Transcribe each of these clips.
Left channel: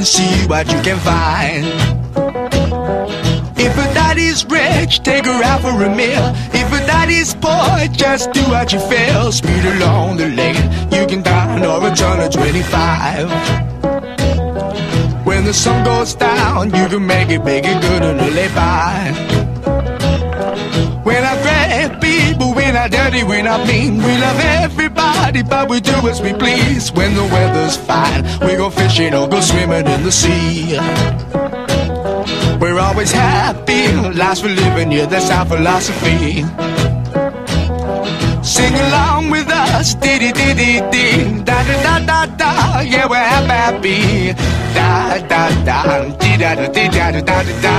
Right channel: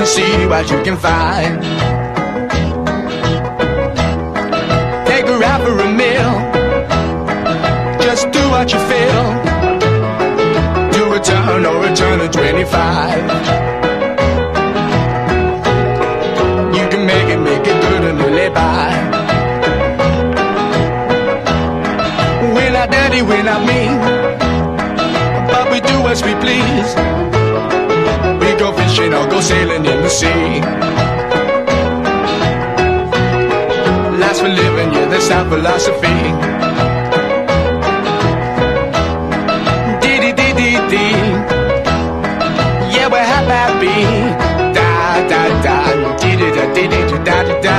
and see what you can find. If a daddy's rich, take her out for a meal. If a daddy's poor, just do what you feel. Speed along the lane, you go down or a turn of 25. When the sun goes down, you can make it good and live by. When I threaten people, when I dirty, when I mean, we love everybody, but we do as we please. When the weather's fine, we go fishing or go sailing in the sea. We're always happy, lives we're living, yeah, that's our philosophy. Sing along with us, dee-dee-dee-dee-dee, da-da-da-da-da, yeah, we're happy, da-da-da, dee-da-da-dee-da-da-da-da.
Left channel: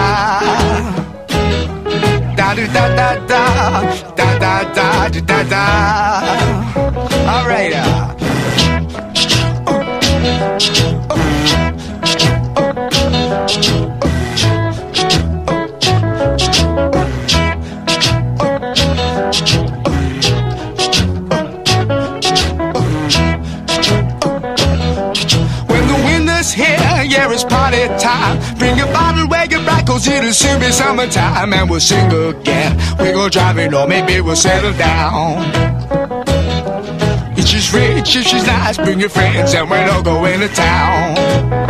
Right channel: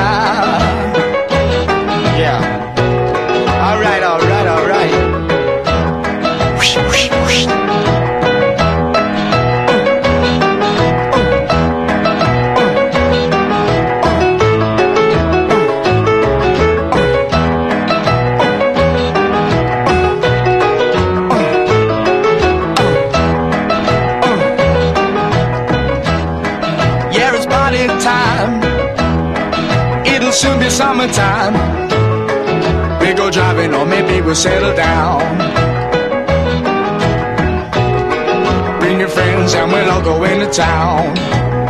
Summertime and we'll sing again. We go driving or maybe we'll settle down. If she's rich, if she's nice, bring your friends and we'll all go into town.